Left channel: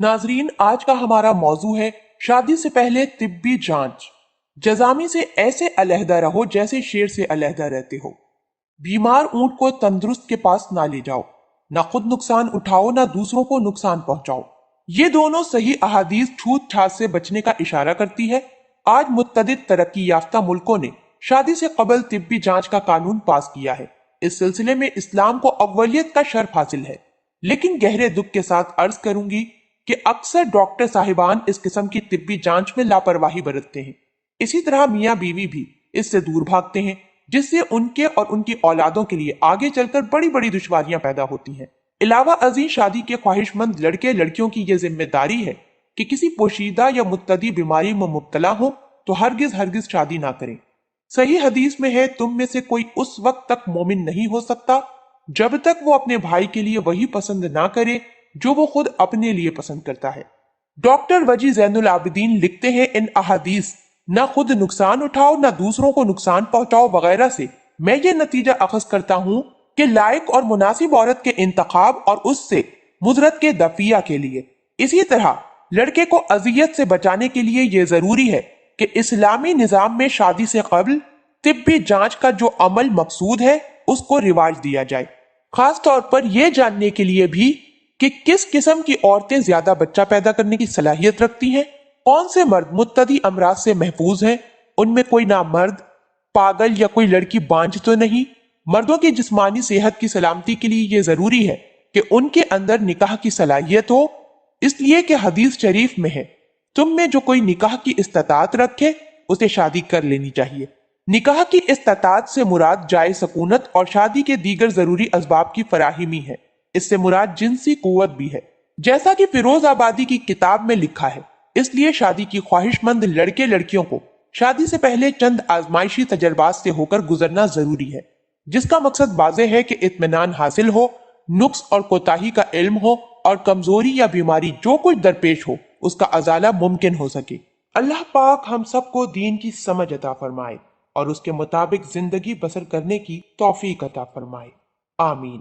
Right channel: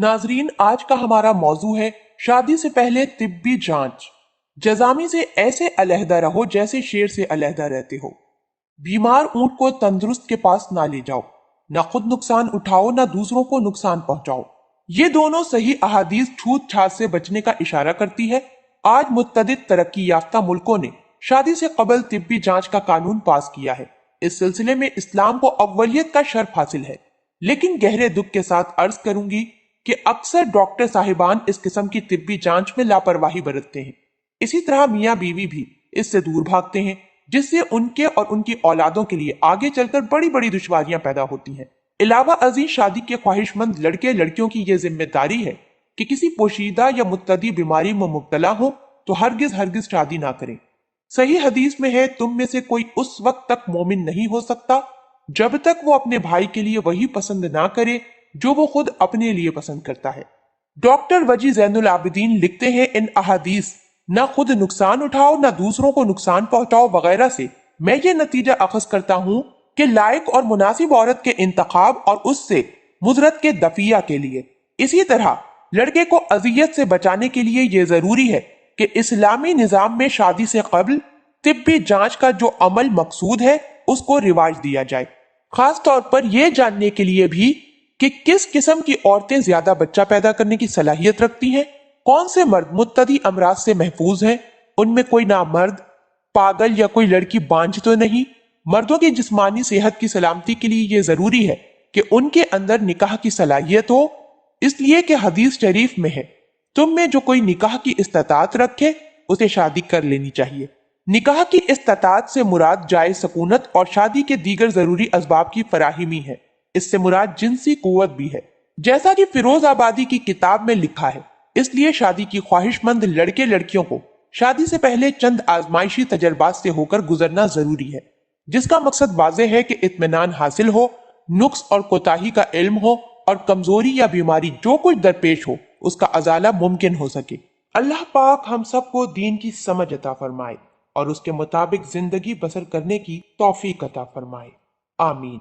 नाजरीन, आज का हमारा मौजू है शादी से पहले तिब्बी जांच। जजामी से ऐसे अलहदा रहो जैसे शेर से अलहदा रहते हो। बीमार ऊंट को तंदुरुस्त के पास ना ले जाओ, ना खुद नुकसान उठाओ ना दूसरों को नुकसान पहुंचाओ। ये दोनों सही अहादीस छूत छात से बचने का इशारा करती है। आज मुत्तदिद तरक्की याफ्ता मुल्कों ने शादी से कबल तिब्बी जांच का कानून पास किया है। इस सिलसिले में इस्लाम को अव्वलियत का शर्फ हासिल है, लेकिन गहरे दुख के साथ अर्ज करूंगी कि अक्सर डॉक्टर साहिबान इस किस्म की तिब्बी जांच में लापरवाही बरतते हैं। इसी तरह मियाँ बीवी भी इससे दूर भागते हैं, जिससे उनके और उनकी औलादों के लिए आगे चलकर बड़ी बड़ी दुश्वारियां पैदा होती हैं। इलावा अजीज शादी के ख्वाहिशमंद लड़के लड़कियों की यह जिम्मेदारी है कि किसी पोशीदा या मुत्तदी बीमारी में मुब्तला हो तो हरगिज हरगिज शादी ना करें। सही हदीस में है, तुम में से कोई उस वक्त तक मोमिन नहीं हो सकता जब तक वो अपने भाई के लिए वही पसंद ना करे जो वो खुद अपने लिए पसंद करता है। डॉक्टर वजी जैनुल आबिदीन लिखते हैं, इन अहादीस न खुद नुकसान उठाओ न दूसरों को नुकसान पहुंचाओ वगैरह से मैं ये नतीजा अखज करता हूँ कि लायक और मुनासिब औरत के इंतखाब और उससे मुजरत के दफिया के लिए। इसी तरह लड़के को अजियत से बचाने के लिए ये जरूरी है कि इस्लामी निजाम में शादी से कबल तिब्बी जांच का जो अमल मकसूद है उसको रिवाज दिया जाए। खास तौर पर यह जानने के लिए भी कि किस किस्म की औरतें ज्यादा बच्चा पैदा करने की सलाहियत रखती हैं, कौन से मर्द मुत्तदी अमराज से महफूज हैं, उनमें कोई नामर्द, पागल या कोई लड़की बांझ तो नहीं। मर्दों की जिस्मानी सेहत की सलामती के लिए यह जरूरी है कि उनके अंदर निकाह की सलाहियत हो, इसलिए कि हदीस शरीफ में है, तुम में जो कोई निकाह की इस्तात रखे उसे शादी कर लेनी चाहिए। निकाह की इस्तात से मुराद जायज सकूनत और शादी के दीगर जरूरी असबाब की फराहिमी है। इससे मुराद जिनसी कुव्वत भी है, जैसा कि फिरोज आबादी की किताब में लिखा है। इसलिए शादी की ख्वाहिशमंद लड़के लड़कियों को शादी से पहले चंद आजमाइशी तजर्बात से होकर गुजरना जरूरी है, जिसका मकसद वाज़े है कि इत्मीनान हासिल हो, नुक्स और कोताही का इल्म हो और कमजोरी या बीमारी जो कुछ दरपेश हो उसका अजाला मुमकिन हो सके। अल्लाह पाक हम सबको दीन की समझ अता फरमाए और उसके मुताबिक जिंदगी बसर करने की तौफीक अता फरमाए। आमीन।